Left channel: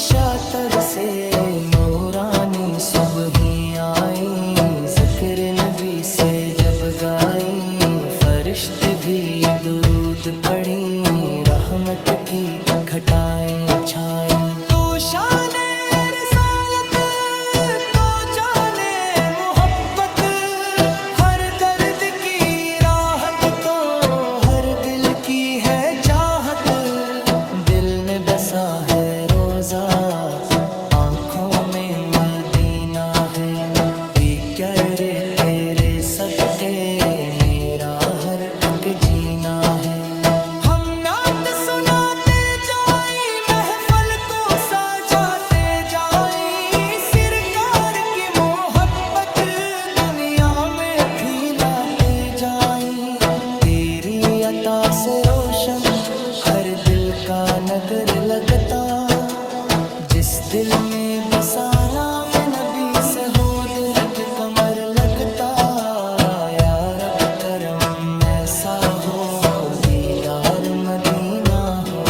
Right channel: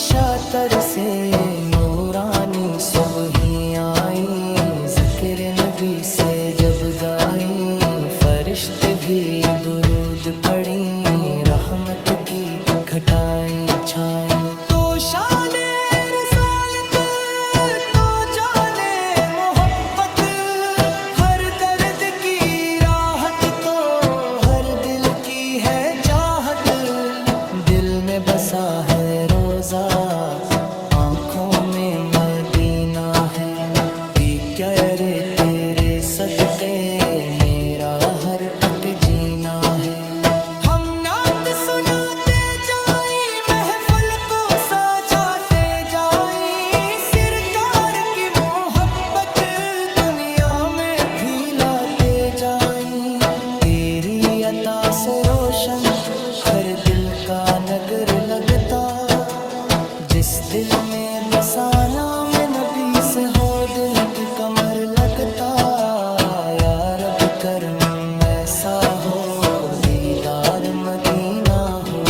شاطر سے نورانی صبحیں آئیں، ذکر نبی سے جب گائیں، فرشتے بھی درود پڑھیں، رحمت کی گھٹائیں چھائیں۔ تو شان رسالت تو جانے محبت، ہر درد کی راحت تو ہر دل کی ہے چاہت، دل میں بسا ہے روزہ، آنکھوں میں مدینہ ہے، کہ کیا رے تیرے صدقے میرا ہر اک جینا ہے۔ ہم نعت سناتے جائیں، محفل کو سجاتے جائیں، سرکار کی محبت دنیا میں پھیلاتے جائیں، تیری عطا سے روشن ہر دل کا نگر لگتا، جس دل میں بسا نام نبی سے ہو دل کی کمر لگتا، یا رب کرم ایسا ہو دیدار مدینہ ہو،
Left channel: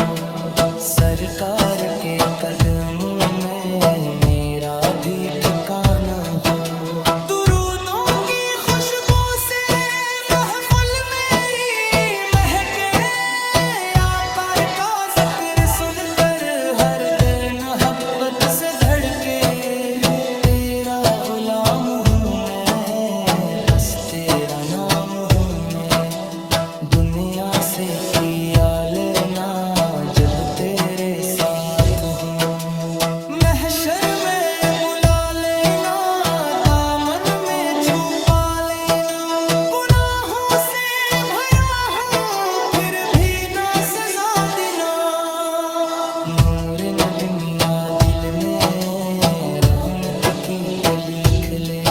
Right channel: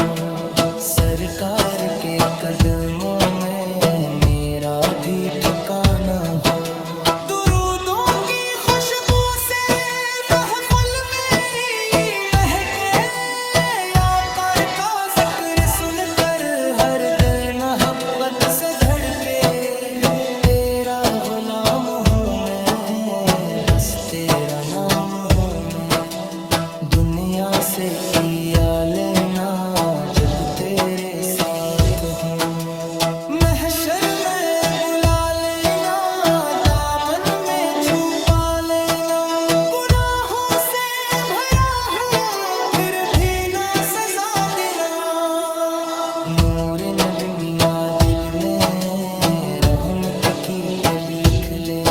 سرکار کے قدموں میں میرا بھی ٹھکانہ ہو، درودوں کی خوشبو سے محفل میری مہکے، یا پر کا ذکر سن کر ہر دل محبت سے دھڑکے، تیرا غلام ہوں میں، بس تیرا نام ہوں میں، دنیا سے کیا لینا جب تیرے ساتھ ہوں، محشر میں بلا لینا، دامن میں چھپا لینا، گناہوں سے بھرا ہوں پھر بھی نہ سزا دینا، نور نبی میاں دل میں رحمت کی کلی کھلے،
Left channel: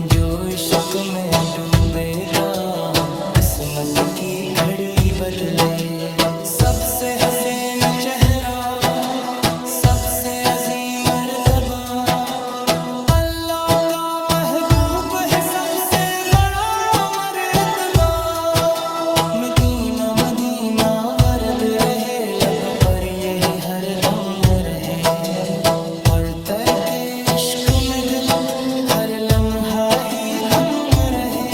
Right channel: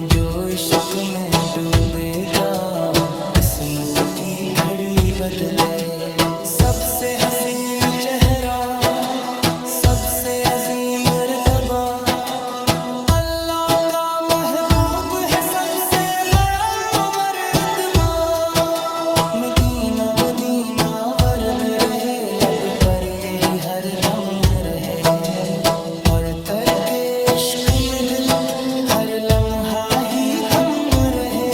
جو عشق میں ڈوبے گا قسمت کی گھڑی بدلے، سب سے حسین چہرہ سب سے عظیم مرتبہ، اللہ کا محبوب ہے سب سے بڑا مرتبہ، مدینہ مدینہ ورد رہے لب پر یہی ہر دم رہے، اور تر کے عشق میں دل ہر لمحہ ہی گم رہے،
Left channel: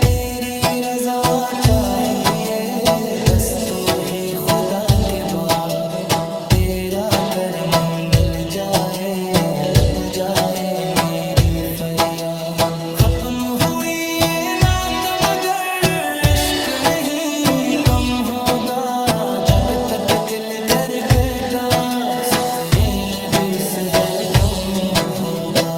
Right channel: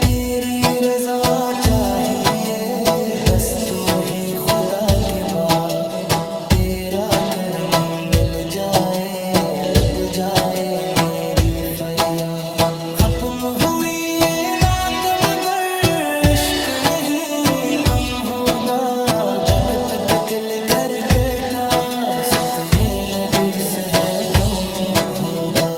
تیری رضا چاہیے بس تو ہی خدا کے بعد، تیرا کرم مل جائے لب جائے میری فریاد، ختم ہوئی یہ نعت مگر عشق نہیں کم ہوگا، جھک تک دل کھڑکے گا، صدرے نبی سے ہر کم ہوگا۔